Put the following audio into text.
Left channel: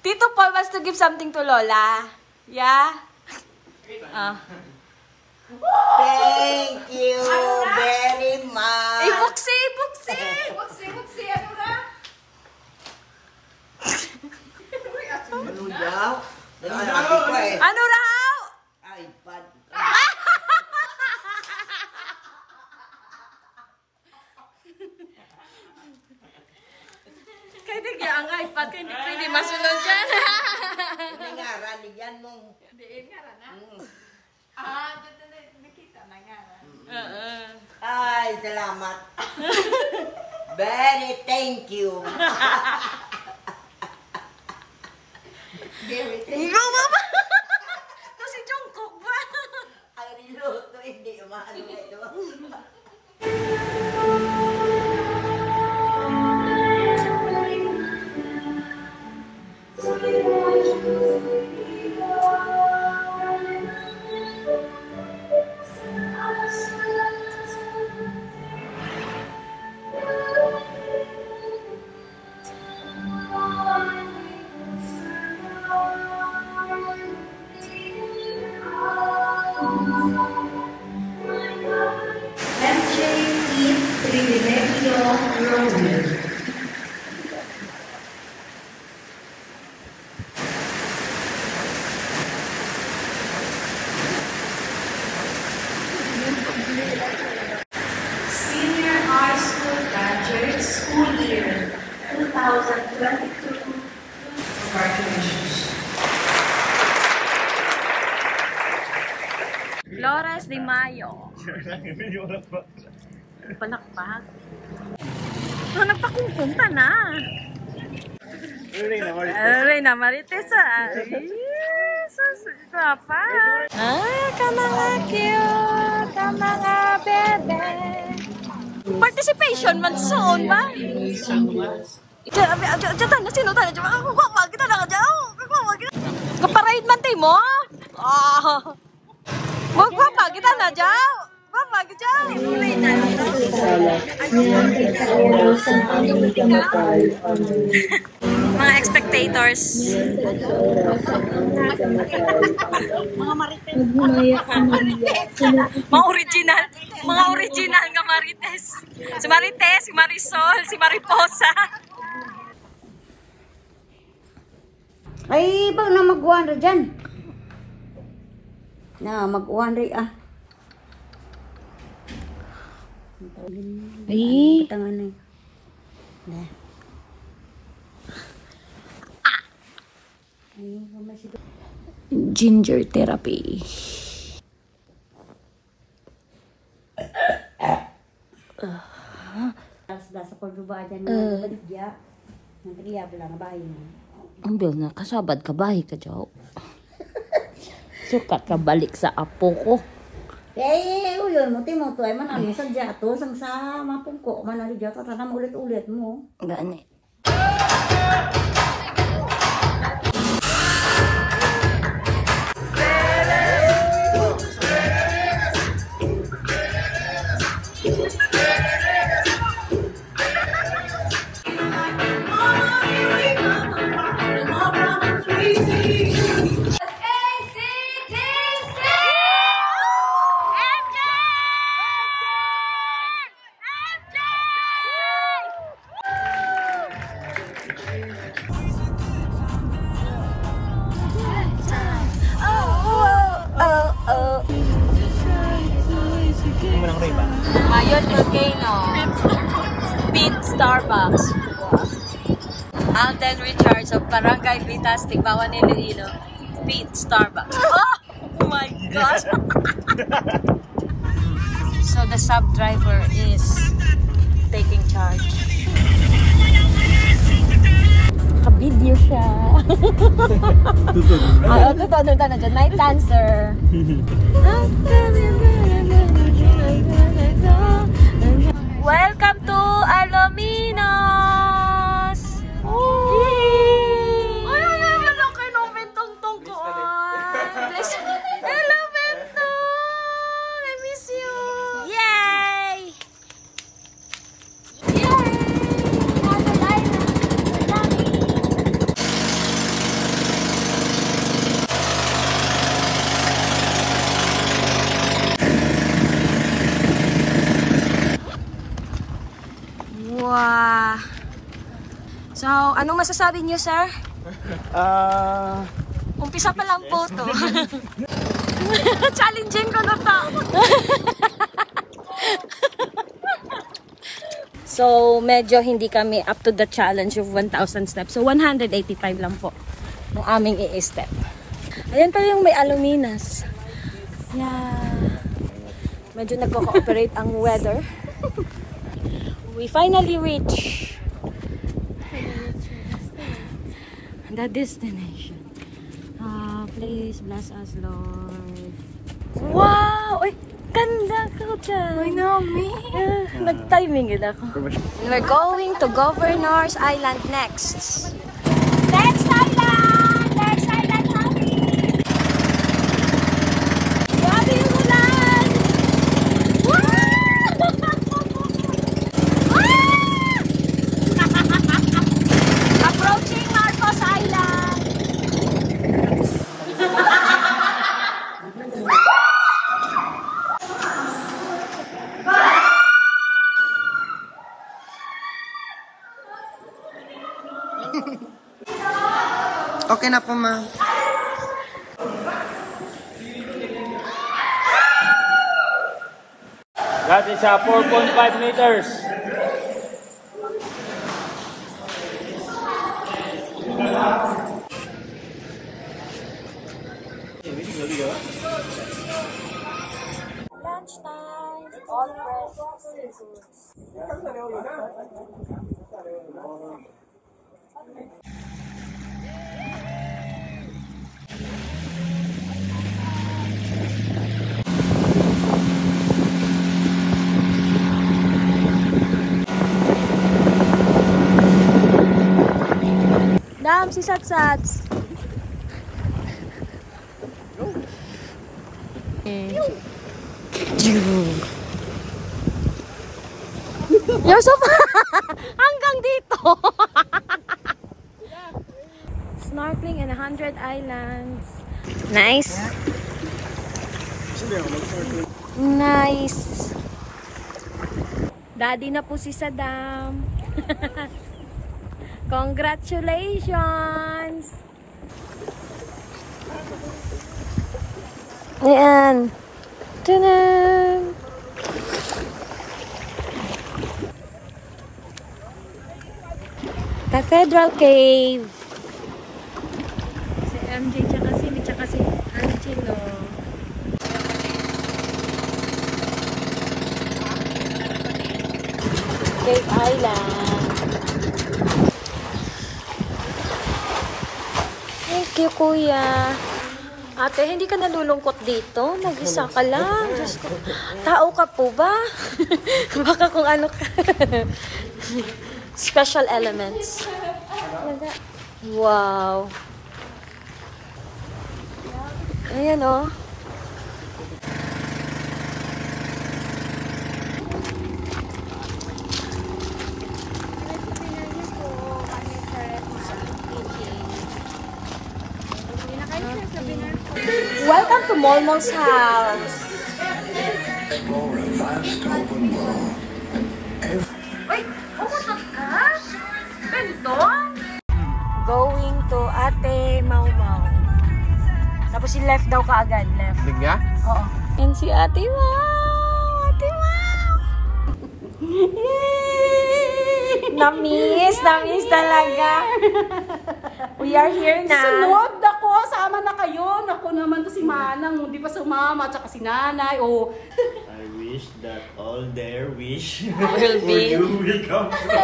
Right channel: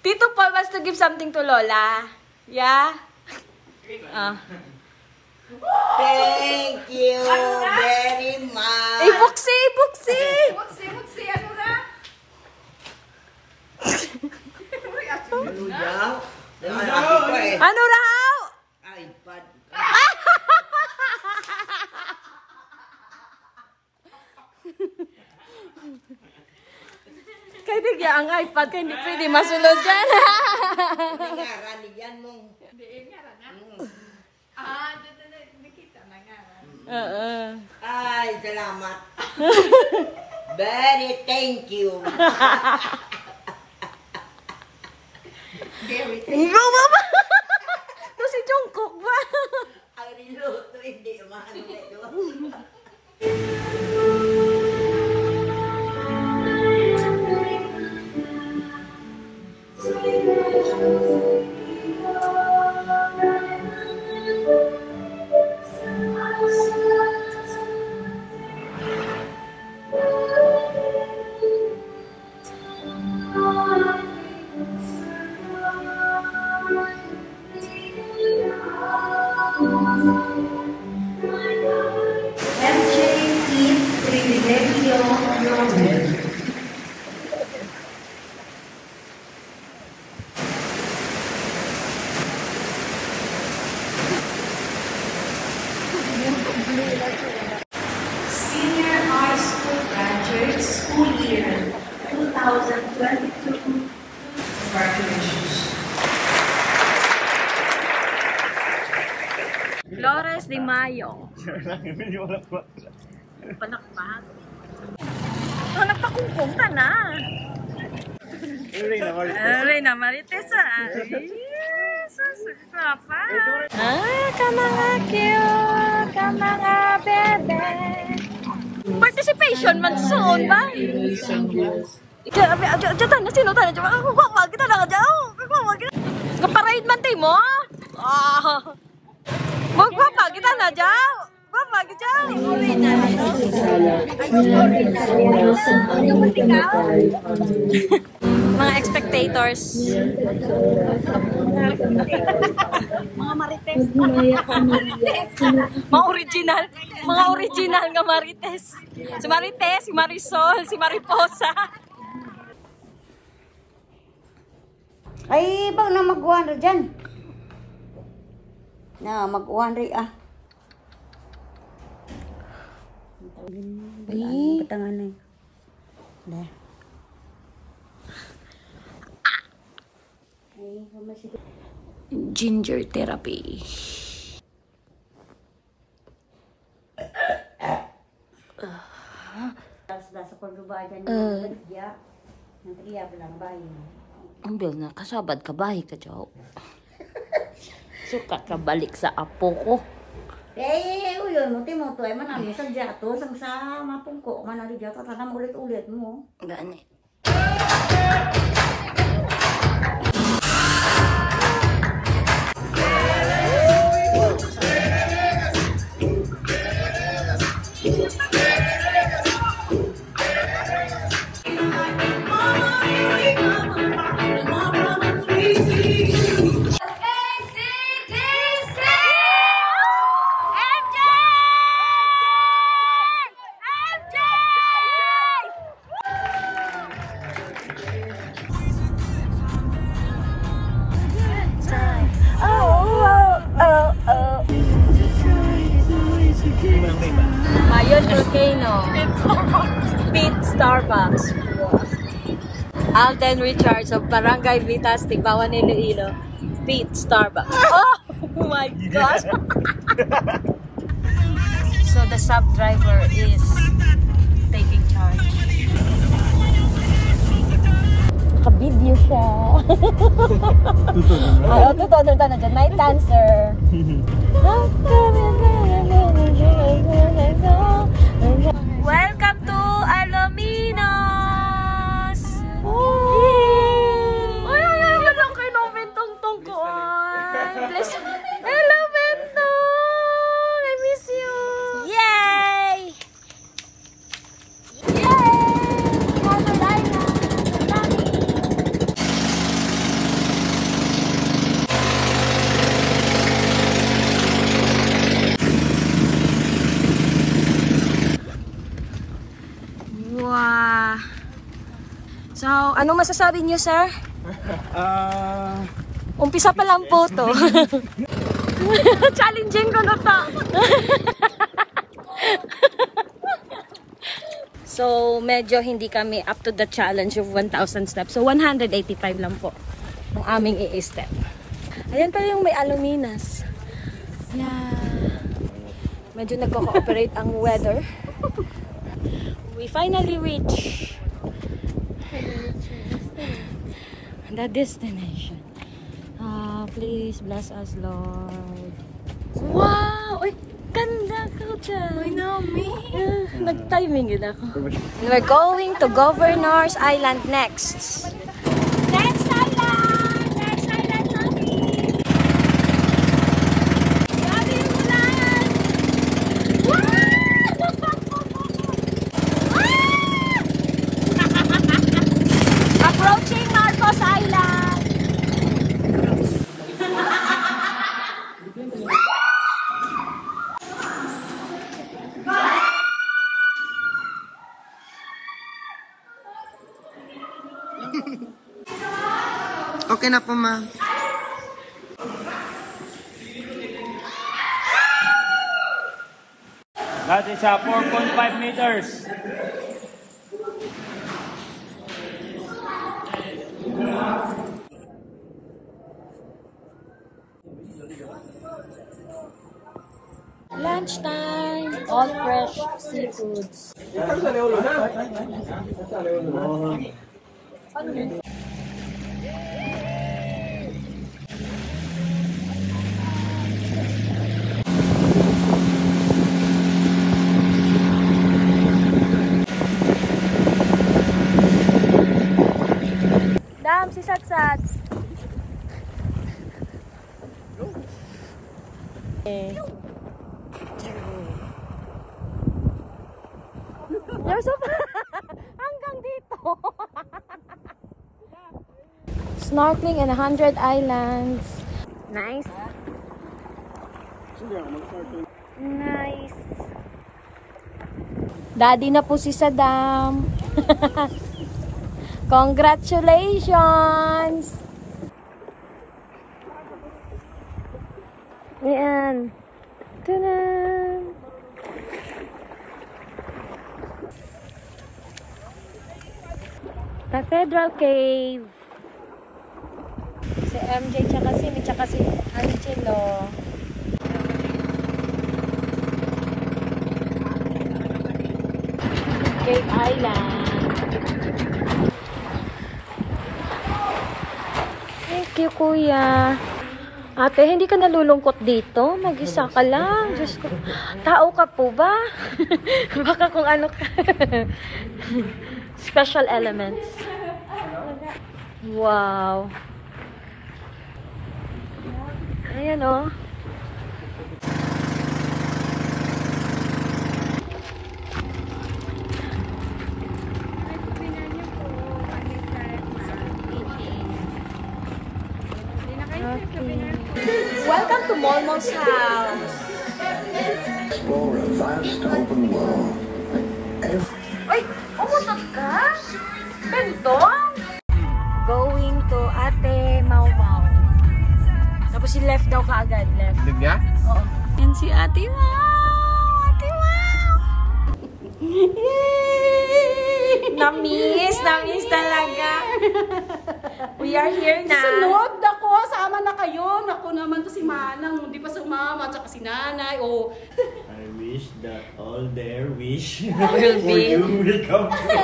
Tito Paul wants to give something to Lola. Yeah? Thank you very much. Buksi! Buksi, ano na? Ano daw? Ano raw? iPad. Kaya bigla ang iPad ka, hindi pwede masulod dyan. Nangaran yan mong. Diin nga lang, ha? Nakita na nga. Ay, salamat. Very thank you. Ikaw ba ba? Ito si Jungkook ba? Ang niluto, hindi umano ito. Senior high school graduates, school year 2022. Congratulations. Flores de Mayo. Panakpak. Nagpakungkong ka na. Reyna Marites. Papa. Ka mga cute, ka mga bebe. Participation man soon ba? Diyan na sino tayo? Ako kwa kita na dyan. Kaparade man tayo mo. Magpapa kita na dyan. Papa kita. Mga spectators. Mga marites. Mga original. Mga original nga marites. Si Marites, si Marisol, si Mariposa. Ay, bang na mag-1 rin dyan. Na, mag-1 rin Ay. Tangan na. Ginger therapy. Sa pagduba dyan ng baligya. Ng triyab lang, bahay mo. Ang bil na kasabad ka bahay ka dyaw. Sukat ka balik sa apo ko. Uyon mo, Timoto, ay manami sa jato, sang sa mapungko, manali jato, tanam ulit-ulit mo. Gani. Mayon Volcano. Pit Starbucks. Alden Richards of Barangay Vitas, Tigbawan, Iloilo. Pit Starbucks. Oh my gosh! So the sub driver is taking charge. Kabid niyo siya. Totoo na dyan. Night dancer. Welcome to Alominos! Ay, wala kayo ng bentong-tong ko. Bless you. Hello, Bentong! I miss you! Yay! Yay! Anong masasabi niyo, sir? Umpisa pa lang po to. Challenging ko na to. So, medyo hindi kami up to the challenge of 1,000 steps. So, 185 lang po ang aming i-step. Ayan pa yung may aluminas. Yeah. Medyo nagko-cooperate ang weather. We finally reach the destination. Please bless us, Lord. Wow! Ay, ganda ka dyan. I know me. Nag-timing yun ako. We're going to Governor's Island next. Next island! Next island, honey! Grabe yung ulan! Approaching Marcos Island! Okay na po, ma'am. That is 4.5 meters. Lunchtime, all fresh seafoods. Dam, si Satsats. You're so hanggang dito. Snorkeling in 100 islands. Nice. Nice. Daddy na po si Saddam. Congratulations. Ayan. Tadam! Cathedral Cave. Si MJ tsaka si Angelo. Cave Island. Thank you, Kuya. Ate, hindi ka nalulungkot dito? Mag-isa ka lang. Diyos ko. Tao ka po ba? Baka kung ano ka. Special elements. Wow. Ayan, oh. Welcome to Molmol's house. Ay, oh my gosh! Ganito? Going to Ate Mau Mau. Tapos si left daw kaagad. Left. Bigya? Oo. Yan si Ate Mau! Ate Mau! Yay! Namiss talaga. We are here na. Sunod ako, sama na kayo. Naku naman to si Manang, hindi pa sumama, tsaka si Nanay. Oh. I wish that all their wish Will for be. you will come true.